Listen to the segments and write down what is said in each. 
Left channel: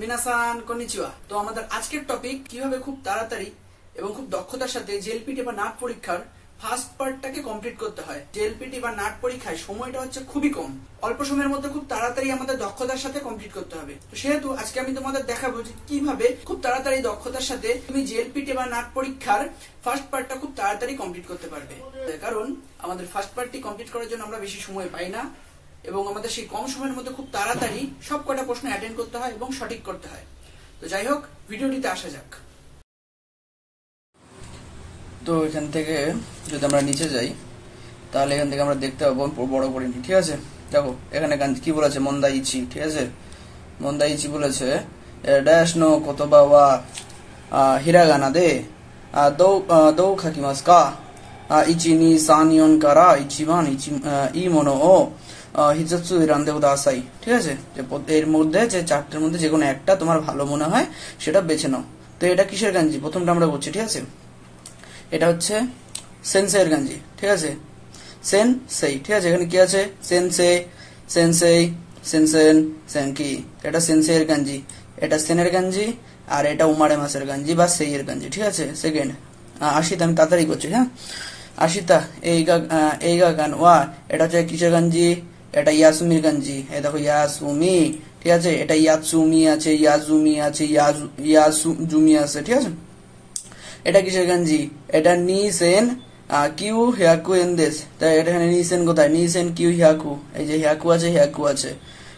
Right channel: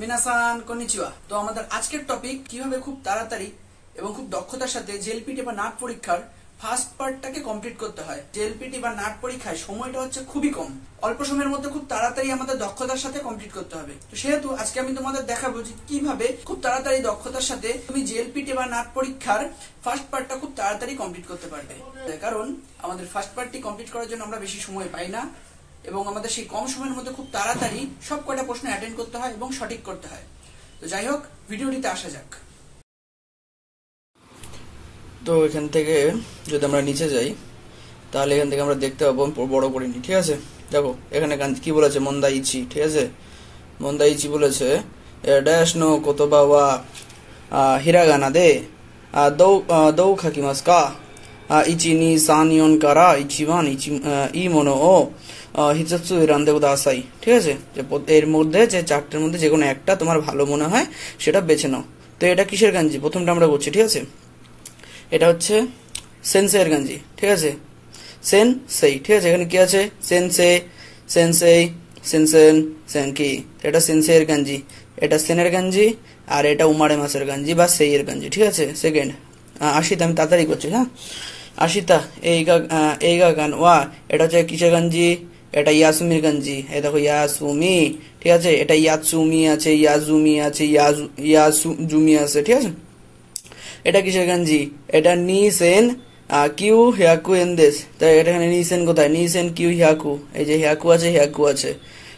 মিনাসান কনিচিওয়া। তো আমাদের আজকের টপিক কিভাবে খুব তাড়াতাড়ি এবং খুব দক্ষতার সাথে জেএলপিটি বা নাট পরীক্ষার ফার্স্ট পার্টটাকে কমপ্লিট করতে হয়। জেএলপিটি বা নাট পরীক্ষায় সময়টা হচ্ছে খুবই কম, অল্প সময়ের মধ্যে খুব তাড়াতাড়ি আমাদের দক্ষতার সাথে কমপ্লিট করতে হবে। তো সেহেতু আজকে আমি তোমাদের দেখাবো যে কিভাবে খুব তাড়াতাড়ি দক্ষতার সাথে তুমি জেএলপিটি বা নাট পরীক্ষার ফার্স্ট পার্টটা খুব তাড়াতাড়ি কমপ্লিট করতে পারবে। কারণ আমাদের ফার্স্ট পার্টটি কমপ্লিট করার জন্য আমরা বেশি সময় পাই না এবং আমাদের সেই কম সময়ের মধ্যে খুব তাড়াতাড়ি সব কয়টা প্রশ্ন অ্যাটেন্ড করতে হয় এবং সঠিক করতে হয়। তো যাই হোক, ভিডিওটিতে আসা যাক। তো এখান থেকে যদি আমরা নিচে যাই তাহলে এখান থেকে আমরা দেখতে পাবো বড় করে নি, ঠিক আছে। দেখো এখানে কি বলেছে, মন্দাইচি, ঠিক আছে। মন্দাইচি বলেছে ড্যাশ নো কোতোবা ওয়া হিরাগানা দে দৌ খাকিমাস কা ইচি নি সানিয়ন কারা ইচিওয়ান ই মনো ও হিজাতসু রান্দে উদাসাই, ঠিক আছে। এর মধ্যে যে চারটের মধ্যে যে কোনো একটা তোমার ভালো মনে হয় সেটা বেছে নাও। তো এটা কিসের গাঞ্জি, প্রথমটা আমরা বলছি, ঠিক আছে। এটা হচ্ছে সেন্সের গাঞ্জি, ঠিক আছে। সেনসেই, ঠিক আছে। এখানে কি আছে, সেনসে, সেনসেই, সেনসেন, সেনকি। এটা সেন্সের গাঞ্জি, এটা সেনের গাঞ্জি, আর এটা উমারে মাসের গাঞ্জি বা সেই এর গাঞ্জি, ঠিক আছে। সেকেন্ড আশিতা, আমি তাড়াতাড়ি করছি, হ্যাঁ। আশিতা এই গা গান ওয়া, এটা হচ্ছে কিসের গাঞ্জি, এটা ইয়াসুমির গাঞ্জি। এই দেখো ইয়াসুমি, ঠিক আছে। এটা ইয়াসুমি আছে, ইয়াজুমি আছে, ইয়াসুজুমি আছে, ঠিক আছে। এটা কিসের গাঞ্জি, এটা নিসেন কিউ হিয়াকু এনদেস। তাই এটা এখানে নিসেন কোথায়, নিসেন কিউ হিয়াকু, এই যে হিয়াকু আছে, হিয়াকু আছে,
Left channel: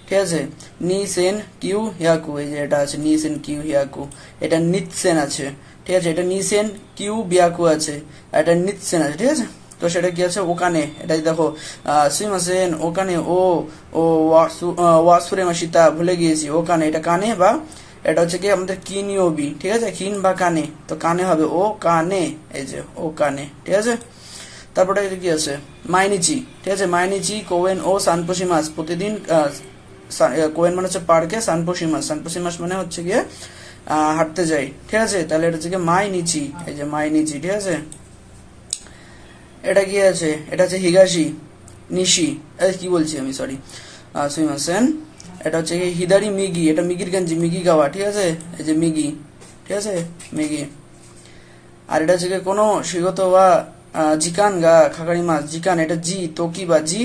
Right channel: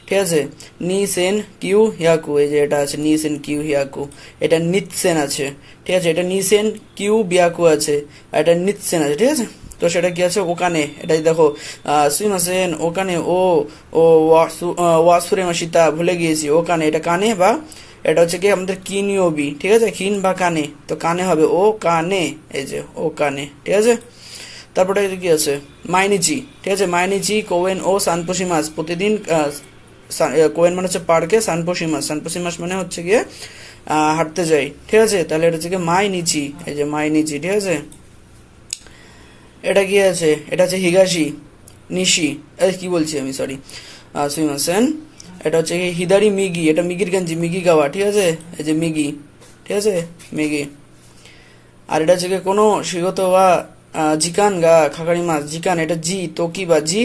ঠিক আছে। নিসেন কিউ হিয়াকু, এই যে এটা আছে নিসেন কিউ হিয়াকু। এটা নিতসেন আছে, ঠিক আছে। এটা নিসেন কিউ বিয়াকু আছে, এটা নিতসেন আছে, ঠিক আছে। তো সেটা কি আছে, ওখানে। এটা দেখো সুইমাসেন, ওখানে ও ও ওয়াসুরে মাসিতা, ভুলে গিয়েছি, ওখানে। এটা কানে বা এটা হচ্ছে কি আমাদের কিনিওবি, ঠিক আছে। কিন বা কানে, তো কানে হবে ও কানে, এই যে ও কানে, ঠিক আছে। তারপরে কি আছে, মাইনিচি, ঠিক আছে। মাইনিচি কোয়েন ও সানপোসিমাস, প্রতিদিন কোয়েন মানে হচ্ছে পার্কে, সানপোসিমাস, সানপোসিমাস মানে হচ্ছে গিয়ে হাঁটতে যাই, ঠিক আছে। তাহলে এটা হচ্ছে কি মাইনিচি, এই যে মাইনিচি, ঠিক আছে। এটা কি আছে, এটা হচ্ছে হিগাশি নিশি, কি বলছি আমি, সরি, সুইমাসেন। এটা হচ্ছে হিদারি মিগি, এটা মিগির গাঞ্জি, মিগি গাওয়া, ঠিক আছে। এই যে মিগি, ঠিক আছে, মিগি। আর এটা হচ্ছে কোনো শিগত বা জিকান গা খাকারি মাছ, জিকান, এটা জি তোকি বা জি,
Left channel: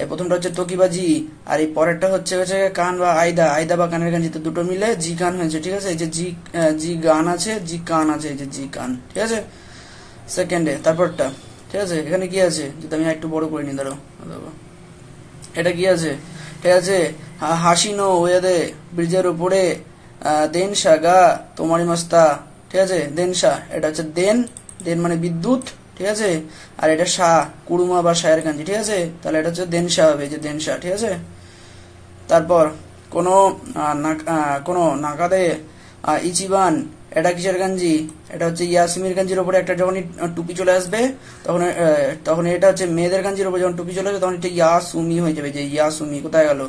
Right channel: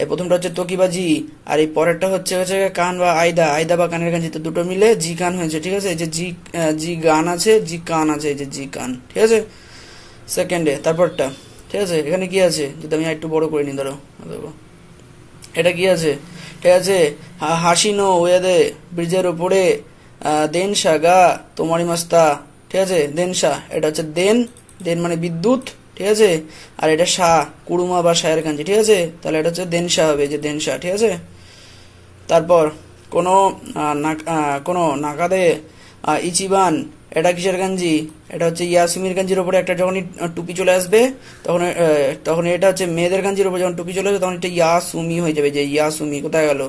এই প্রথমটা হচ্ছে তোকি বা জি, আর এই পরেরটা হচ্ছে কান বা আয়দা, আয়দা বা কানের গাঞ্জি, তো দুটো মিলে জি কান হয়েছে, ঠিক আছে। এই যে জি গান আছে, জি কান আছে, এই যে জি কান, ঠিক আছে। সেকেন্ডে তারপরটা, ঠিক আছে। এখানে কি আছে, যদি আমি একটু বড় করে নিই, ধরো এটা কি আছে, ঠিক আছে। হাসিনো ওয়াদে, ব্রিজের উপরে দেনসা গা তোমারি মাস্তা, ঠিক আছে। দেনসা, এটা হচ্ছে দেন, দেন মানে বিদ্যুৎ, ঠিক আছে। আর এটা সা কুড়ুমা বা সায়ের গাঞ্জি, ঠিক আছে। তাহলে এটা হচ্ছে দেনসা হবে, যে দেনসা, ঠিক আছে। তারপর কোনো নাকাদে ইচিবান, এটা কিসের গাঞ্জি, এটা হচ্ছে ইয়াসুমির গাঞ্জির উপরে একটা যখন টুপি চলে আসবে তখন এটা হচ্ছে মেয়েদের গাঞ্জির উপরে যখন টুপি চলে আসবে তখন এটা ইয়াসুমি হয়ে যাবে, যে ইয়াসুমি কোথায় গেল,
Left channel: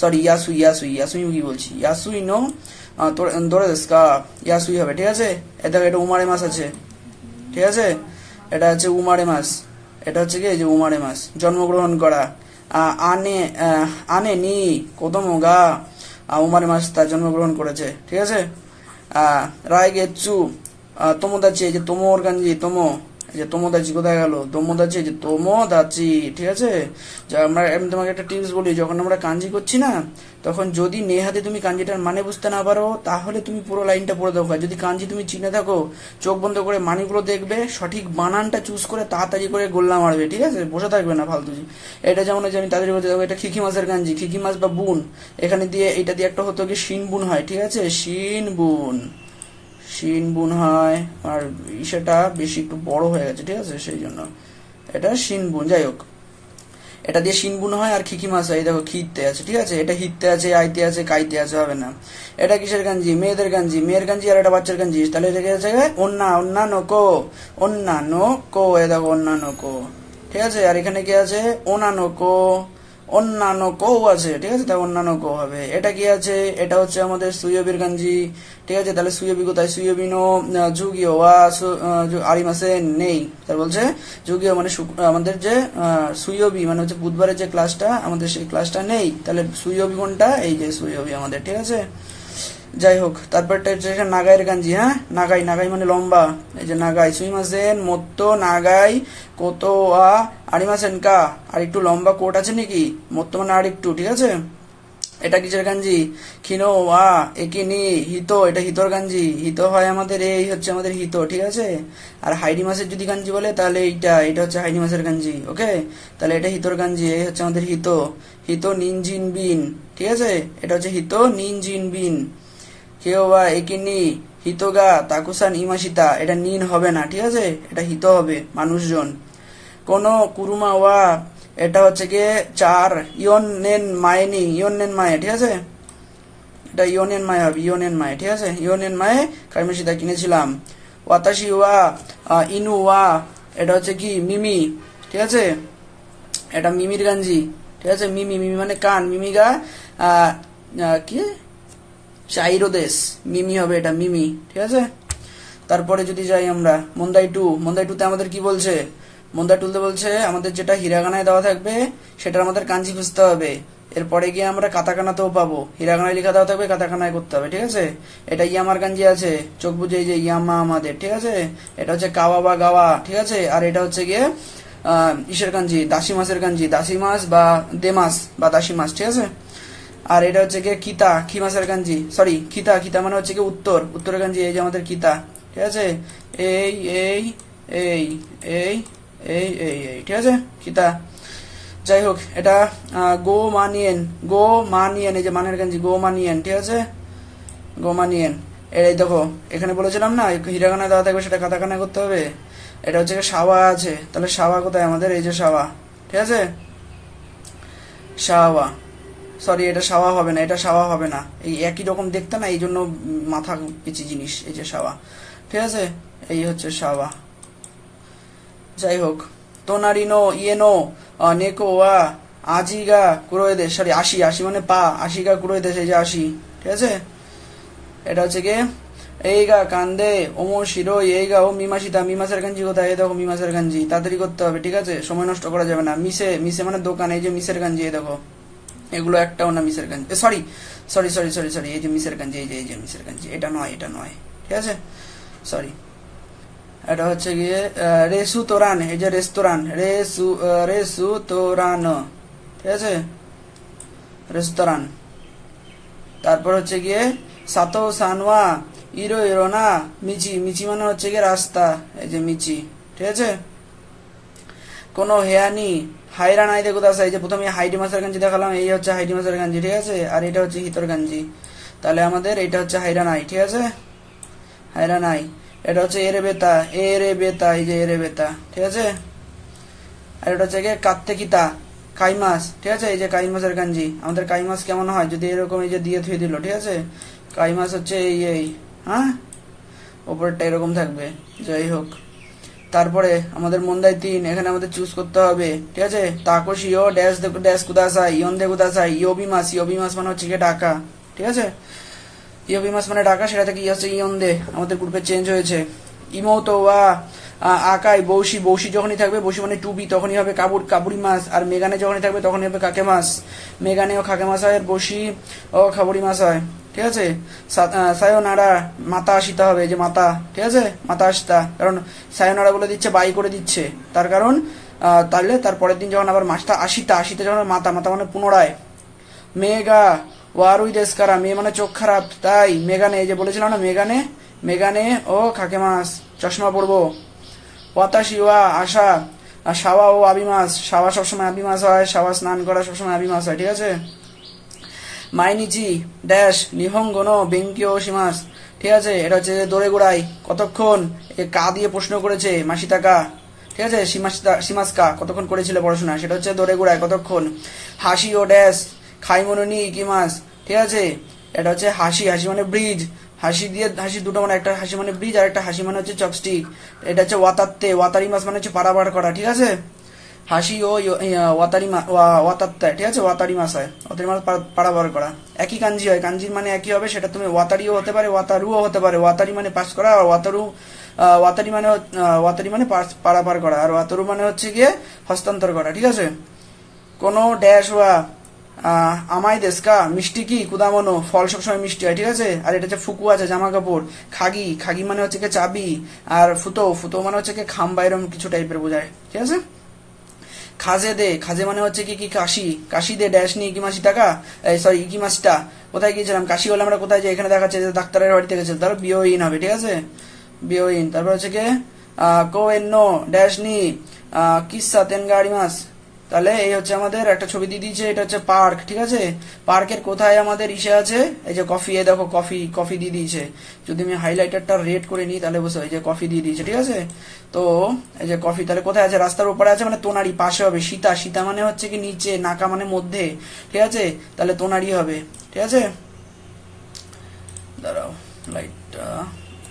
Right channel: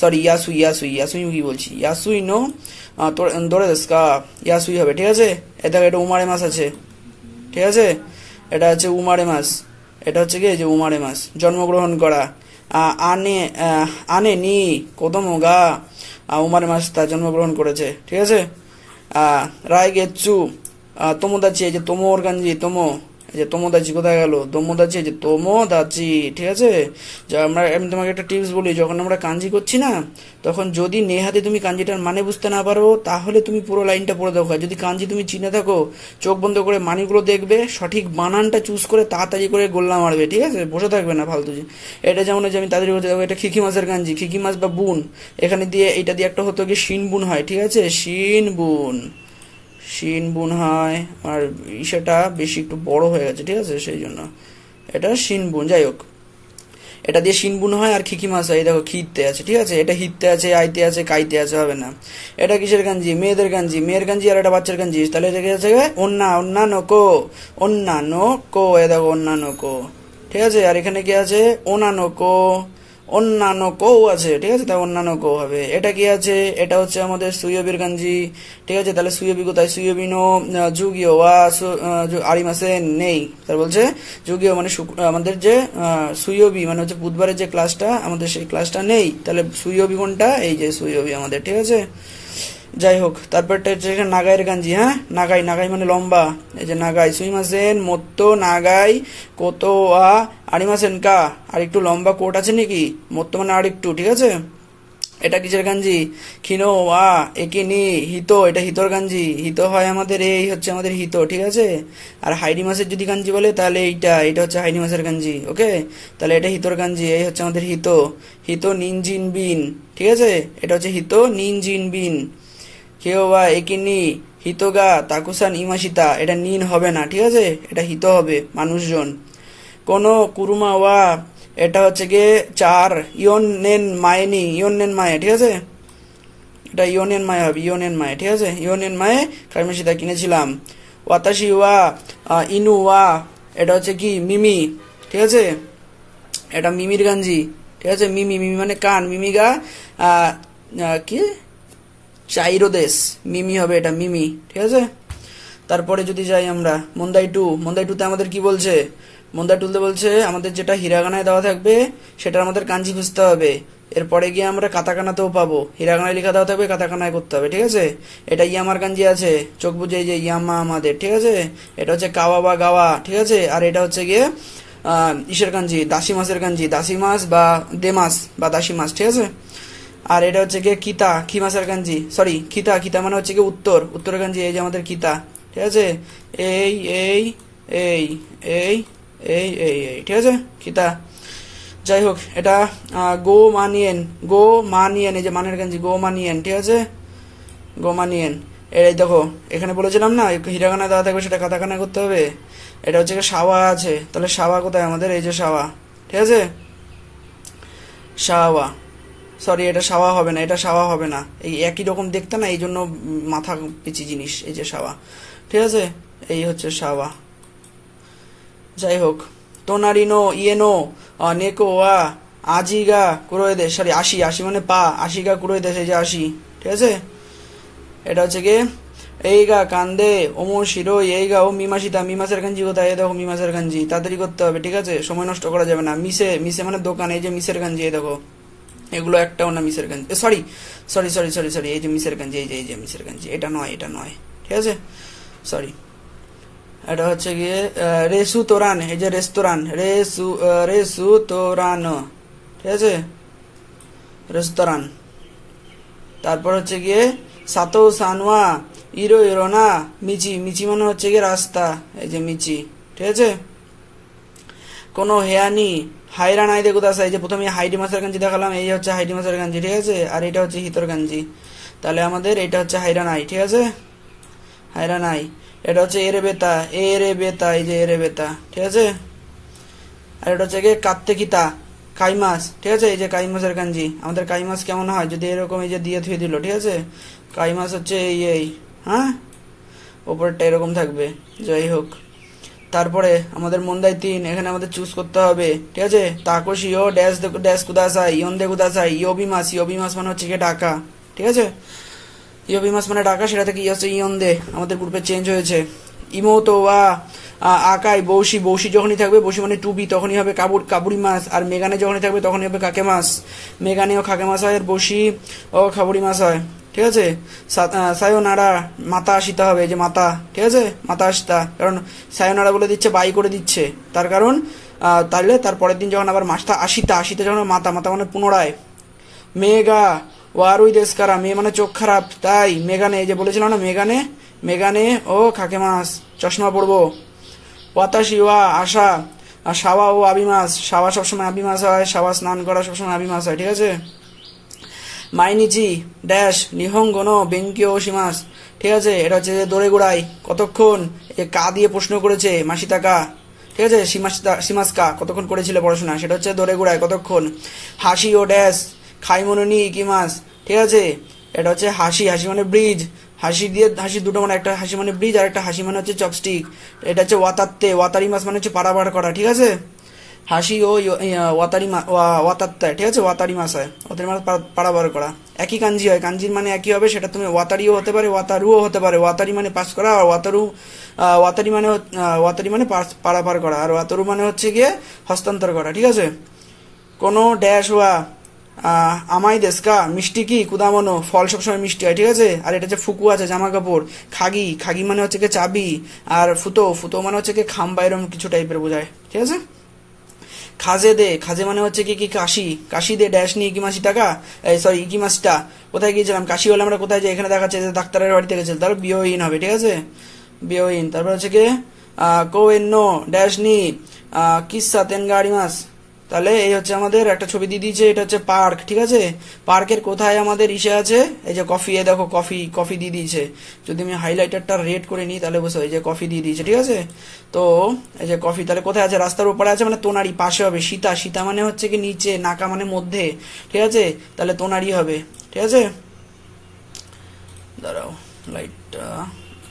সরি ইয়াসুই কি বলছি, ইয়াসুই নো দৌড়ে দেশকা, ইয়াসুই হবে, ঠিক আছে। এটা উমারে মাস আছে, ঠিক আছে। এটা হচ্ছে উমারে মাস, এটা হচ্ছে কি যে উমারে মাস, জন্মগ্রহণ করা। আনে আনে নি কোদমগা, উমারে মাস তা জন্মগ্রহণ করেছে, ঠিক আছে। রায় গেচ্ছু তোমোদাচি, এই যে তোমোর গাঞ্জি, তোমো, এই যে তোমোদাচি কোথায় গেল, তোমোদাচি, এই যে তোমোদাচি, ঠিক আছে। আমি তোমাকে একটা টিপস বলি, যখন আমরা কাঞ্জি করছি না, তখন যদি নেহাতে তুমি কাঞ্জিটার মানে বুঝতে না পারো তাহলে তুমি পুরো লাইনটা পড়ে দেখো। যদি কাঞ্জি তুমি চিনে থাকো, চোখ বন্ধ করে মানিগুলো দেখবে, সঠিক বানানটা চুজ করে তাড়াতাড়ি করে গোল্লা মারবে, ঠিক আছে। বসে থাকবে না ফালতু। এটা যেমন হচ্ছে, আমি তাড়াতাড়ি বলতে দেখো, এটা খিকি মাছের গাঞ্জি, খিকি মাছ বা বুন, এখানে দিয়ে এটা দিয়ে একটা হতো কি শিন বুন হয়, ঠিক আছে। শিন বুন হয়, আর সেটা বেশি একটু বড় হয়ে গেছে, ঠিক আছে, সেই জন্য এটা শিন বুন। যাই হোক, এটা দিয়ে শিন বুন হয়, আর খিকি মাছ হয়, দেখো খিতে আছে, ঠিক আছে। এটা হিতে আছে, আইতে আছে, কাইতে আছে, হবে না। এটা কিসের গাঞ্জি, মেয়েদের গাঞ্জি, মেয়ের গাঞ্জি, আর এটা বাচ্চার গাঞ্জি। তাহলে এটা কি আছে, অন্যান্য কো, এ দেখো অন্যান্য কো, ঠিক আছে। আর এখানে কি আছে, অন্যান্য কো আছে, ঠিক আছে। তাই অন্যান্য কো হবে। এটা কি আছে, এটা হচ্ছে আমাদের সুইয়বির গাঞ্জি, ঠিক আছে। তাহলে সুইয়বি কোথায়, সুইয়বি নো যুগিও ওয়া আরিমাসে নেই। তার বলছে যুগিও মানে আমাদের যে সুইয়বি মানে হচ্ছে বুধবারের যে ক্লাসটা, আমাদের সেই ক্লাসটা নেই। তাহলে সুইয়বি কোনটা, এই যে সুইয়বি আমাদের, ঠিক আছে। যাই হোক, তারপরটা হচ্ছে নাগাইয়ের গাঞ্জি। হ্যাঁ, নাগাই, নাগাই মানে লম্বা। এই যে নাগাই সুইমাসেন মত্তো নাগাই কোতো আ আরিমাসেন কা, আর একটু লম্বা কোট আছে নাকি, মত্তো মানে আর একটু, ঠিক আছে। এটা কিসের গাঞ্জি? খিনো ওয়া একিনি হিতো, এটা হিতোর গাঞ্জি। হিতো হয় আমাদের, এই হচ্ছে আমাদের হিতো, ঠিক আছে। আর হাইডি মাসের যদি গাঞ্জি বলে তাহলে এটা হচ্ছে হাইডি মাসের গাঞ্জি, ওকে। তাহলে এটা হিতোর গাঞ্জি, এই হচ্ছে আমাদের হিতো। হিতো নিনজিন বিন, ঠিক আছে। এটা হচ্ছে হিতো নিনজিন বিন। কেউ বা একিনি হিতোগা তাকুসান ইমাশিতা, এটা নিন হবে না, ঠিক আছে, এটা হিতো হবে মানুষজন। কোনো কুরুমা ওয়া, এটা হচ্ছে গিয়ে চার ইয়ন নেন মায়েনি, ইয়ন নেন মায়ে, ঠিক আছে। এটা ইয়নেন মায়ে হবে, ইয়নেন মায়ে, ঠিক আছে। ইয়নেন মায়ে কাইমাশিতা কিনেছিলাম। ওয়াতাশি ওয়া ইনু ওয়া, এটা হচ্ছে কি মিমি, ঠিক আছে। এটা মিমির গাঞ্জি, ঠিক আছে। মিমি, মিমি মানে কান, মিমিগা কি চাইরো দেশ, মিমি হবে এটা, মিমি, ঠিক আছে। তারপরে যদি যাই আমরা মন্দাই টু, মন্দাই টুতে আমাদের কি বলছে? মন্দাই টুতে বলছে আমাদের যেটা হিরাগানায় দেওয়া থাকবে সেটার আমাদের কাঞ্জি খুঁজতে হবে। এরপরে গিয়ে আমরা কাতাকানাতেও পাবো, হিরাগানায় লেখা দেওয়া থাকবে, কাতাকানায় করতে হবে, ঠিক আছে। এটা ইয়ামার কাঞ্জি আছে, চোখ বুঝে, এই যে ইয়ামা আমাদের, ঠিক আছে। এটা হচ্ছে কাওয়া বা গাওয়া, ঠিক আছে। আর এটা হচ্ছে গিয়ে ইসের কাঞ্জি, দাসি মাসের কাঞ্জি, দাসি মাস বা দেমাস বা দাসি মাস, ঠিক আছে। আর এটা হচ্ছে গিয়ে কিতা, কি মাসের গাঞ্জি, সরি খিতা, খিতা মানে হচ্ছে গিয়ে উত্তর, উত্তরের গাঞ্জি, এই যে আমাদের কিতা, ঠিক আছে। এই এই এই এই এই এই এই, ঠিক আছে, কিতা। যাই হোক, এটা গো মানিয়েন, গো মানিয়েন, এই যে মানের গাঞ্জি, গো মানিয়েন, ঠিক আছে, গো মানিয়েন। এই দেখো এখানে বলেছিলাম না হিরাগানায় দেওয়া থাকবে সেটা কাতাকানায় করতে হবে। এটা হচ্ছে সাওয়া আছে, তাহলে সাওয়া কোথায় আমাদের? এই যে সাওয়া, ঠিক আছে, সাওয়া, সরি এটা সাওয়া হবে না, এটা সাওয়া হবে না, এই একই রকম দেখতে না, এই জন্য মাথা পিছি জিনিস, এই যে সাওয়া, ঠিক আছে। এই হচ্ছে সাওয়া। যাই হোক, তোনারিনো ইয়েনো নেকো ওয়া আজিগা কুরোয়েদেশ, সরি আশি, আশি মানে পা, আশিগা কুরোয়েদেশ, এই যে আশি, ঠিক আছে। এটা হচ্ছে কি এইগা কান্দে ওমো শিরো, এইগা ও মিমাশিতা, মিমাসের গাঞ্জি কোথায়? এই দেখো মিমাসের গাঞ্জি, তাড়াতাড়ি করতে হবে, ঠিক আছে, সময় নষ্ট করা যাবে না। মিসে, মিসে মানে দোকান, এই যে মিসের গাঞ্জি, এই দেখো এগুলো একটাও না মিসের গাঞ্জি, sorry sorry sorry sorry sorry, এই যে মিসের গাঞ্জি, এই যে মিসের গাঞ্জি, এটা নয়, এটা নয়, ঠিক আছে, সরি। এটা হচ্ছে গিয়ে রেসু তোরান, এই যে রেস্তোরান, রেসু তোরান, ঠিক আছে, রেস্তোরান। তারপর হচ্ছে গিয়ে সাতো সানোয়া ইরো ইরোনা মিচি, মিচি মানে হচ্ছে গিয়ে রাস্তা, এই যে মিচি, ঠিক আছে। কোনো হেয়ানি হাইরা নাই দেখো দাস, এই যে প্রথমে হাইডি মাসের গাঞ্জি দেখালাম, এই হচ্ছে হাইডি মাসের গাঞ্জি, ঠিক আছে। আর এটা হচ্ছে হিতর গাঞ্জি, তাহলে আমাদের এটা হচ্ছে হাইরা নাই, ঠিক আছে, হাইরা নাই। এটা হচ্ছে এরে বেতা, এরে বেতা, এই যে এরে বেতা, ঠিক আছে। আর এটা হচ্ছে গিয়ে কাত্তে কিতা কাইমাস, ঠিক আছে, এই যে কাইমাসের গাঞ্জি। আমাদের কাইমাস কেমন হয় যদি এরকম এই যে দিয়ে থুয়ে দিল, ঠিক আছে। কাইমাস হচ্ছে এই, হ্যাঁ, ওপরটা এরকম থাকবে। যাই হোক, তারপরে আমাদের মন্দাই 3, এখানে আমাদের চুজ করতে হবে, ঠিক আছে। তাকোশি ও ড্যাশ ড্যাশ কুদাসাই, ইয়ন দে কুদাসাই, ইয়োবিমাস, ইয়োবিমাস মানে হচ্ছে গিয়ে ঢাকা, ঠিক আছে। ইয়োবিমাস মানে ঢাকা, সেটা থেকে হচ্ছে ইয়ন দে, আমাদের গ্রুপে চেঞ্জ হয়েছে। ইমোতো ওয়া আকাই বৌশি, বৌশি যখনই থাকবে, বৌশি মানে টুবি, তখনই হবে কাবুরি মাছ। আর মেগানে যখনই থাকবে তখনই হবে কাকে মাছ, মেগানে ও খাকে মাছ হয়, আর বৌশি ও খাবুরি মাছ হয়, ঠিক আছে। সায়োনারা মাথা আসিতে হবে, যে মাথা, ঠিক আছে, মাথা আসিতা, কারণ সায়োনারা বলে দিচ্ছে, বাই করে দিচ্ছে, তার কারণ তাহলে তার পরের দিন যখন আবার মাছটা আসিতা, আসিতে যখন মাথা, মাথা মানে পুনরায়। মেগা ওয়ারুই দেশকারা, মেয়ে মানে চোখ খারাপ, তাই মেগানে, এই যে বলেছিলাম না মেগানে, মেগানে ও খাকে মাছ, চশমা পরবো। ওয়াতাশি ওয়া আশা, আর সাওয়া ও আবিমাস, সাওয়া সবসময় আবিমাস হয়, সাওয়া স্নান করা সবসময় আবিমাস হয়, ঠিক আছে। মাইনিচি ড্যাশ নিহঙ্গনো বেঙ্কিও সীমাস, ঠিক আছে। এটা হচ্ছে দৌড়ে গোড়াই কতক্ষণ, কা দিয়ে প্রশ্ন করেছে মাসিতাকা, ঠিক আছে, সীমাসকা কতক্ষণ করেছিল পড়াশোনা, সেটা হচ্ছে দৌড়ে গোড়াই কতক্ষণ। হাসি ও ড্যাশ খাইমনোনি ইকিমাস, ঠিক আছে। এটা হচ্ছে হাসি, হাসি মানে ব্রিজ, হাসি দিয়ে হাসি দুটো মানে, একটা হাসি মানে ব্রিজ আর একটা হাসি মানে হচ্ছে চপস্টিক। এটা হচ্ছে ওয়াতাত্তে, ওয়াতারি মাস মানে হচ্ছে পারাবার করা, ঠিক আছে। হাসি ও ওয়াতারি ওয়াতাত্তা, ঠিক আছে, ওয়াতারি মাস হয়, ওয়াতারি মাস পারাবার করা, একই কাঞ্জি হয়, কাঞ্জির মানে একই হবে, সেটা তুমি ওয়াতারিও হতে পারে, ওয়াতারুও হতে পারে। ওয়াতারি মানে পাস করা, আর ওয়াতারি মানে পারাপার করা, আর ওয়াতারু মানে হচ্ছে গিয়ে হস্তান্তর করা, ঠিক আছে। কোনো ড্যাশ ওয়া আমাই দেশকা মিষ্টি কি কুদামনো, ফল সবসময় মিষ্টি হয়, ঠিক আছে। আর এটা হচ্ছে ফুকু আছে জামা কাপড়, খাগি, খাগি মানে হচ্ছে কি চাবি, আর ফুতো, ফুতো মানে হচ্ছে কি খাম্বা, এরকম কিছু টাইপের বোঝায়, ঠিক আছে। খাজে দে, খাজে মানে হচ্ছে কি কি কাশি, কাশি দে ড্যাশ নি ইকিমাসি টাকা, সরি ইকিমাসটা, কোথায় গিয়েছিলাম কাশি বলে আমরা কোথায় যাই, এখানে দেখাচ্ছে যে ডাক্তারের বাড়িতে গেছিল, তাহলে বিওইন হবে, ঠিক আছে, বিওইন। তারপর হচ্ছে কি কোয়েন্নো ড্যাশ নি কিসা তেনগাড়ি মাস, তাহলে এই হচ্ছে আমাদের একটা ছবি দিয়ে দিয়েছে, এটা হচ্ছে পার্ক, ঠিক আছে। পার্কের কোথায় আমাদের ইসে আছে, এই যে কফি, এই দেখো কফি, কফি দিয়ে দিয়েছে। যদি আমি হাইলাইটারটা রেড করে নিই তাহলে বসে, এই যে কফি দিয়ে দিয়েছে, ঠিক আছে। তো এই যে কফি তাহলে কোথায় আছে, রাস্তার উপরে আছে, মানে তোনারি পাশে হবে। সীতা, সীতা মানে হচ্ছে কি নিচে, নাকা মানে মধ্যে, ঠিক আছে, তাহলে তোনারি হবে, ঠিক আছে। দাঁড়াও লাইটটা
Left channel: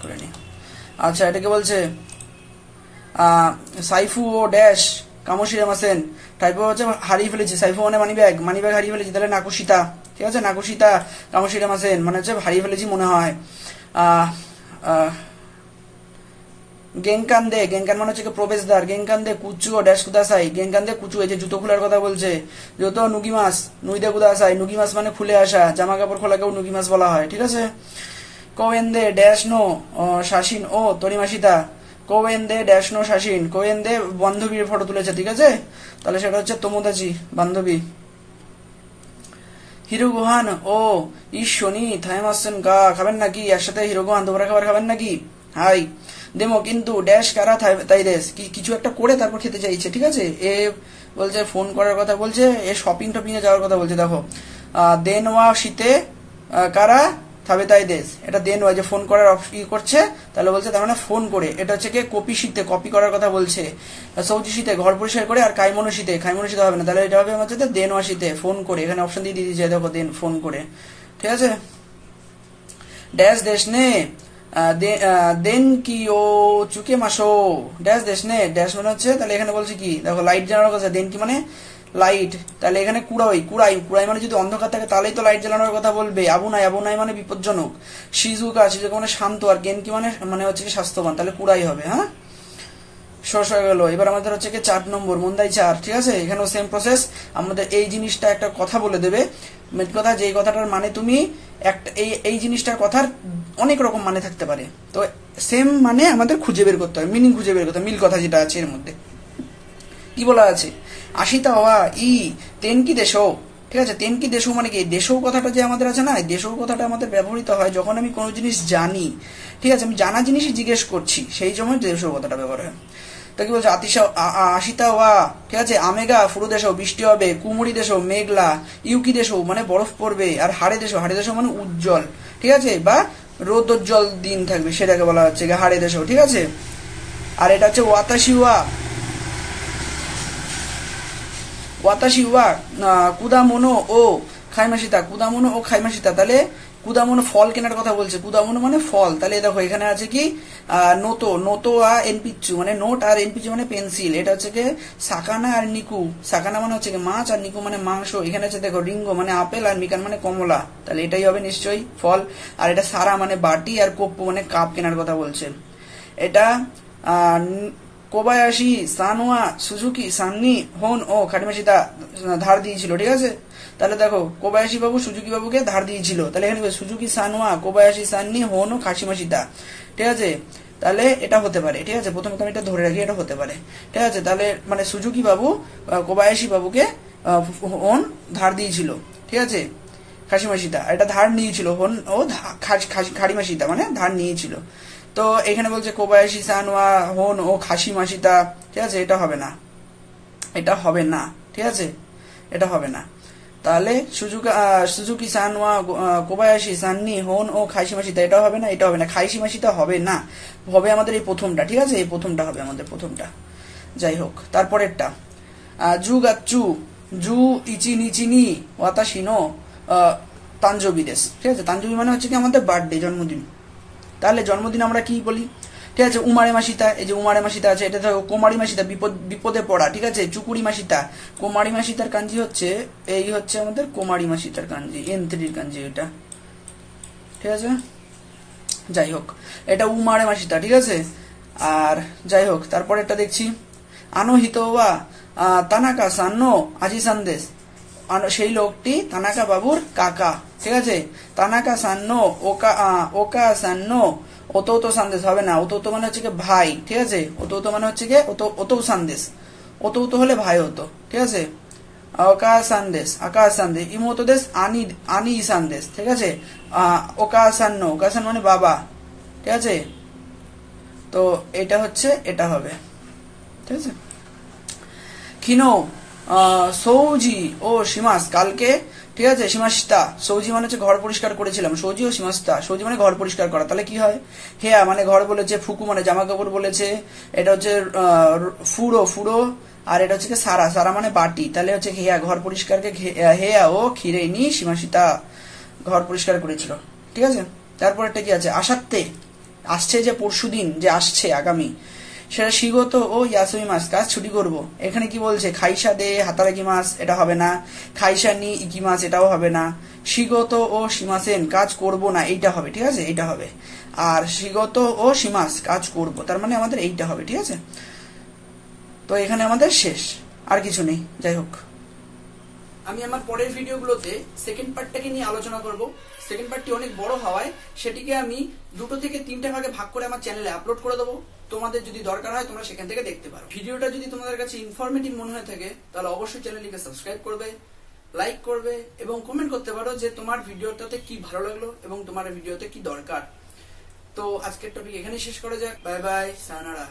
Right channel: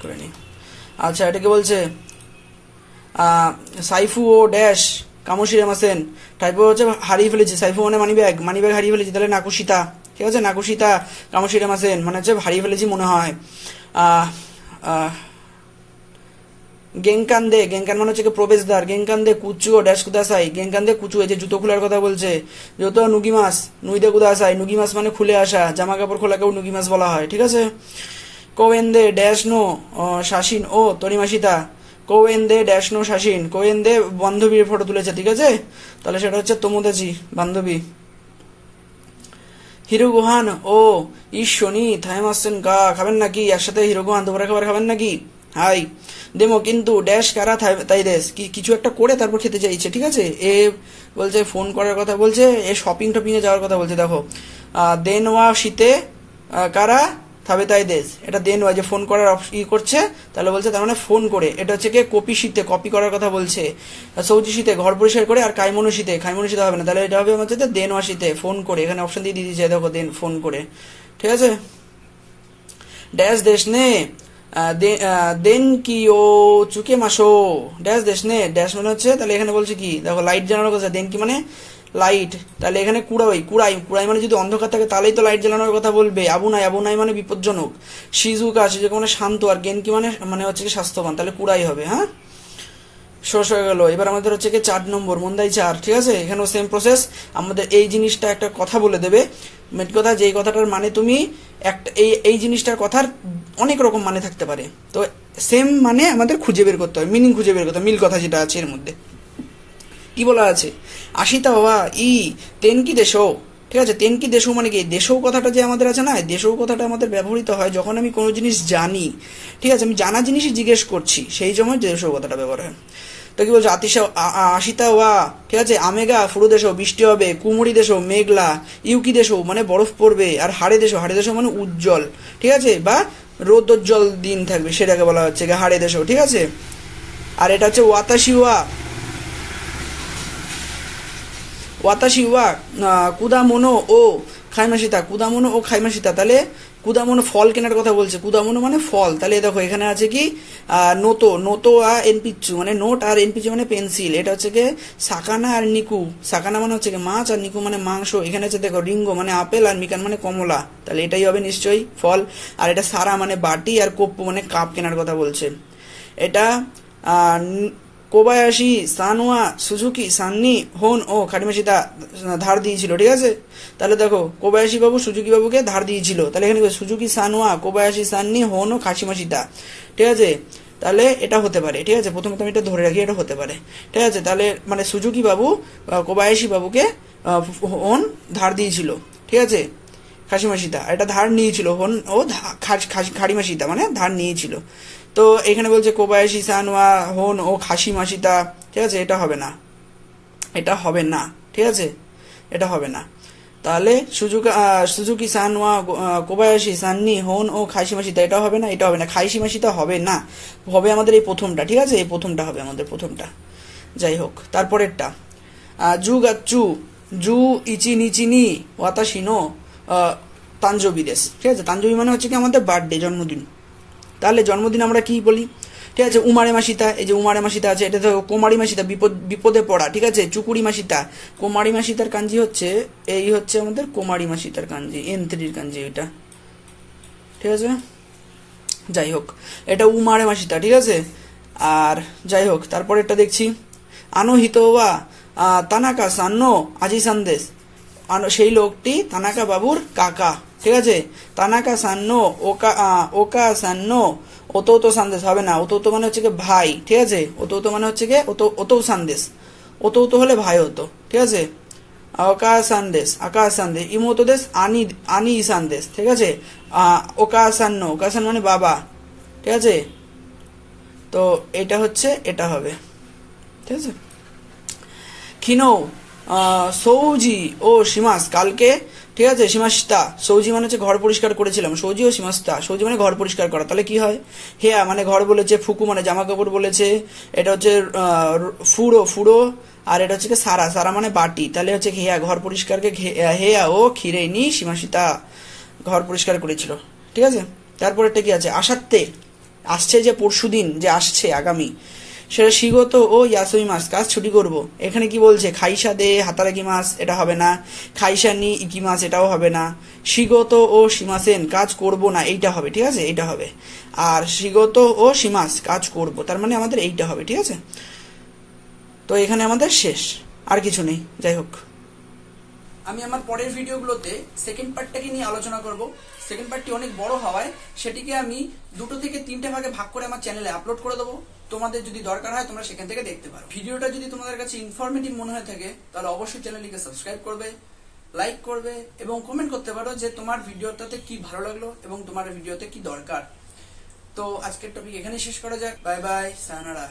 করে নি। আচ্ছা এটাকে বলছে সাইফু ও ড্যাশ কামশিরা মাসেন, টাইপো হচ্ছে হারিয়ে ফেলেছি, সাইফু মানে মানি ব্যাগ, মানি ব্যাগ হারিয়ে ফেলেছি, তাহলে নাকুশিতা, ঠিক আছে, নাকুশিতা কামশিরা মাসেন মানে হচ্ছে হারিয়ে ফেলেছি মনে হয়। গেংকান দে, গেংকান মানে হচ্ছে প্রবেশদ্বার, গেংকান দে কুচু ও ড্যাশ কুদাসাই, গেংকান দে কুচু, এই যে জুতো খোলার কথা বলছে, যত নুগি মাস, নুইদে কুদাসাই, নুগি মাস মানে খুলে আসা, জামা কাপড় খোলাকেও নুগি মাস বলা হয়, ঠিক আছে। কোয়েন্দে ড্যাশ নো শাসিন ও তরিমাসিতা, কোয়েন্দে ড্যাশ নো শাসিন, কোয়েন্দে বান্ধবীর ফটো তুলেছে, ঠিক আছে, তাহলে সেটা হচ্ছে তোমোদাচি বান্ধবী। হিরোগুহান ও ঈশ্বনী থাইমাসন গা, খাবেন নাকি একসাথে হিরোগুহান দুপুরে খাবার খাবেন নাকি, হাই দেমো কিন্তু ড্যাশ কারা তাই দেশ, কিছু একটা করে তারপর খেতে চাইছে, ঠিক আছে। এ বলছে ফোন করার কথা বলছে, এ শপিং টপিং এ যাওয়ার কথা বলছে, দেখো দেনওয়া শীতে কারা থাবে তাই দেশ, এটা দেনওয়া যে ফোন করার ই করছে, তাহলে বলছে তার মানে ফোন করে, এটা হচ্ছে কি কপি শীতে, কপি করার কথা বলছে। সৌজি শীতে ঘর পরিষ্কার করে, আর কাইমনো শীতে, খাইমনো শীতে হবে না, তাহলে এটা হবে হচ্ছে দেনওয়া শীতে ফোন করে, এখানে অপশন দিয়ে দিয়েছে দেখো দেন ফোন করে, ঠিক আছে। ড্যাশ দেশ নে দেন কি ও চুকে মাসো, ড্যাশ দেশ নে, ড্যাশ মানে হচ্ছে, তাহলে এখানে বলছে কি দেখো লাইট জ্বালানোর কথা, দেন কি মানে লাইট, তাহলে এখানে কুড়াই, কুড়াই, কুড়াই মানে যদি অন্ধকার থাকে তাহলেই তো লাইট জ্বালানোর কথা বলবে। আবুনাই, আবুনাই মানে বিপজ্জনক। শিজুকা, শিজুকা মানে শান্ত, আর গেন কি মানে হচ্ছে কি স্বাস্থ্যবান, তাহলে কুড়াই হবে, হ্যাঁ। শেষ হয়ে গেল। এবার আমাদের হচ্ছে কি 4 নম্বর মন্দাই 4, ঠিক আছে। এখানেও সেম প্রসেস, আমাদের এই জিনিসটা একটা কথা বলে দেবে, মেট কথা, যেই কথাটার মানে তুমি একটা এই জিনিসটার কথার অনেক রকম মানে থাকতে পারে, তো সেম মানে আমাদের খুঁজে বের করতে হয়, মিনিং খুঁজে বের করতে হয়, মিল কথা যেটা আছে এর মধ্যে। কি বলা আছে, আশিতা হওয়া ই তেন কি দেশ, ঠিক আছে। তেন কি দেশ মানে কি, দেশও কথাটা যে আমাদের আছে না, দেশও কথাটা আমাদের ব্যবহৃত হয় যখন আমি কোনো জিনিস জানি, ঠিক আছে, আমি জানা জিনিসই জিজ্ঞেস করছি, সেই সময় দেশও কথাটা ব্যবহার হয়। তো কি বলছে, আশিতা ওয়া, ঠিক আছে, আমেগা ফুরু দেশ, বৃষ্টি হবে, কুমুরি দেশ মেঘলা, ইউকি দেশ মানে বরফ পড়বে, আর হাড়ে দেশ, হাড়ে দেশ মানে উজ্জ্বল, ঠিক আছে, বা রোদোজ্জ্বল দিন থাকবে, সেটাকে বলা হচ্ছে হাড়ে দেশ, ঠিক আছে। আর এটা হচ্ছে ওয়াতাশি ওয়া, ওয়াতাশি ওয়া কুদামোনো ও খাইমাসিতা, কুদামোনো ও খাইমাসিতা, তাহলে কুদামোনো ফল কেনার কথা বলছে, কুদামোনো মানে ফল, তাহলে দেখো এখানে আছে কি নোতো, নোতো আর এনপিচু মানে নোট, আর এনপিচু মানে পেন্সিল, এটা হচ্ছে কি সাকানা আর নিকু, সাকানা মানে হচ্ছে কি মাছ, আর নিকু মানে মাংস, এখানে আছে দেখো রিঙ্গো মানে আপেল, আর মিকান মানে কমলা, তাহলে এটাই হবে নিশ্চয়ই ফল। আর এটা সারা মানে বাটি, আর কোপ্পু মানে কাপ কেনার কথা বলছে। এটা কোবায়াশি সানোয়া সুজুকি সান্নি হোন ও খাটিমাসিতা ধার দিয়েছিল, ঠিক আছে। তাহলে দেখো কোবায়াশি বাবু সুজুকি বাবুকে ধার দিয়েছিল, তাহলে এখানে সুজুকি সানোয়া কোবায়াশি সান্নি হোন ও খাসিমাসিতা, ঠিক আছে, তাহলে এটা হতে পারে, ঠিক আছে। প্রথমে আমি এটা ধরে রাখি, এটা হতে পারে, ঠিক আছে। তাহলে মানে সুজুকি বাবু কোবায়াশি বাবুকে হোন ধার দিয়েছিল, ঠিক আছে, খাসিমাসিতা, এটা ধার নিয়েছিল, হোন ও খাড়িমাসিতা মানে ধার নিয়েছিল। তো এখানে বলছে কোবায়াশি সানোয়া হোন ও খাসিমাসিতা, ঠিক আছে, এটা হবে না, এটা হবে না, ঠিক আছে, এটা হবে না। তাহলে সুজুকি সানোয়া কোবায়াশি সান্নি হোন ও খাইশিমাসিতা, এটা হবে না, এটা হবে না, খাইশিমাসিতা হবে না, হবে আমাদের এই প্রথমটা, ঠিক আছে, এই প্রথমটা হবে আমাদের প্রথমটা। যাই হোক, তারপরেরটা জু গাচ্চু জু ইচি নিচিনি ওয়াতাশিনো তানজবি দেশ, ঠিক আছে। তানজবি মানে হচ্ছে কি আমাদের বার্থডে, জন্মদিন। তাহলে জন্মদিন আমরা কি বলি, ঠিক আছে, উমারে মাসিতা, এই যে উমারে মাসিতা আছে, এটা দেখো কোমারি মাসিতা বিপদে পড়া, ঠিক আছে, চুকুরি মাসিতা, কোমারি মাসিতার কাঞ্জি হচ্ছে এই হচ্ছে আমাদের কোমারি মাসিতার কাঞ্জি, N3 কাঞ্জি এটা, ঠিক আছে। যাই হোক, এটা উমারে মাসিতা, ঠিক আছে। আর যাই হোক, তারপর এটা দেখছি আনো হিতোয়া তানাকা সান্নো আজি সন্দেশ, সেই লোকটি তানাকা বাবুর কাকা, ঠিক আছে। তানাকা সান্নো ওকা সান্নো ওতো সান্দেশ হবে না, ওতো মানে হচ্ছে কি ভাই, ঠিক আছে। ওতো মানে হচ্ছে কি ওতো সান্দেশ, ওতো হলে ভাই হতো, ঠিক আছে। ওকা সান্দেশ ইমোতো দেশ আনি সান্দেশ, ঠিক আছে। ওকা সান্ন মানে বাবা, ঠিক আছে। তো এটা হচ্ছে এটা হবে, ঠিক আছে। খিনো সৌজি ও সীমাস কালকে, ঠিক আছে। সীমাস্তা সৌজি মানে হচ্ছে ঘর পরিষ্কার করেছিলাম, সৌজি ও সীমাস্তা, সৌজি মানে ঘর পরিষ্কার করা, তাহলে কি হয়, হেয়া মানে ঘর বলেছে, ফুকু মানে জামা কাপড় বলেছে, এটা হচ্ছে ফুড়ো, আর এটা হচ্ছে সারা মানে বাটি, তাহলে হচ্ছে হেয়া ঘর পরিষ্কারকে হেয়া ও খিরেনি সীমাসিতা ঘর পরিষ্কার করেছিল, ঠিক আছে। তারপরেরটা কি আছে, আসাতে আসছে যে পরশুদিন যে আসছে আগামী, সেটা শিগত ও ইয়াসুই মাস কাজ ছুটি করব। এখানে কি বলছে, খাইসা দে হাতারাকি মাস এটা হবে না, খাইসা নি ইকি মাস এটাও হবে না, শিগত ও সীমাসেন কাজ করব না এইটা হবে, ঠিক আছে, এইটা হবে। আর শিগত ও সীমাস কাজ করব, তার মানে আমাদের এইটা হবে, ঠিক আছে। তো এখানে আমাদের শেষ, আর কিছু নেই। যাই হোক, আমি আমার পরের ভিডিওগুলোতে সেকেন্ড পার্টটাকে নিয়ে আলোচনা করব। সেকেন্ড পার্টটি অনেক বড় হওয়ায় সেটিকে আমি 2 থেকে 3টে ভাগে ভাগ করে আমার চ্যানেলে আপলোড করে দেবো। তোমাদের যদি দরকার হয় তোমরা সেখান থেকে দেখতে পারো। ভিডিওটা যদি তোমাদের কাছে ইনফরমেটিভ মনে হয়ে থাকে তাহলে অবশ্যই চ্যানেলটিকে সাবস্ক্রাইব করবে, লাইক করবে এবং কমেন্ট করতে পারো যে তোমার ভিডিওটাতে কি ভালো লাগলো এবং তোমার ভিডিওতে কি দরকার। তো আজকের টপিক এখানেই শেষ করা যাক। Bye bye, sayonara.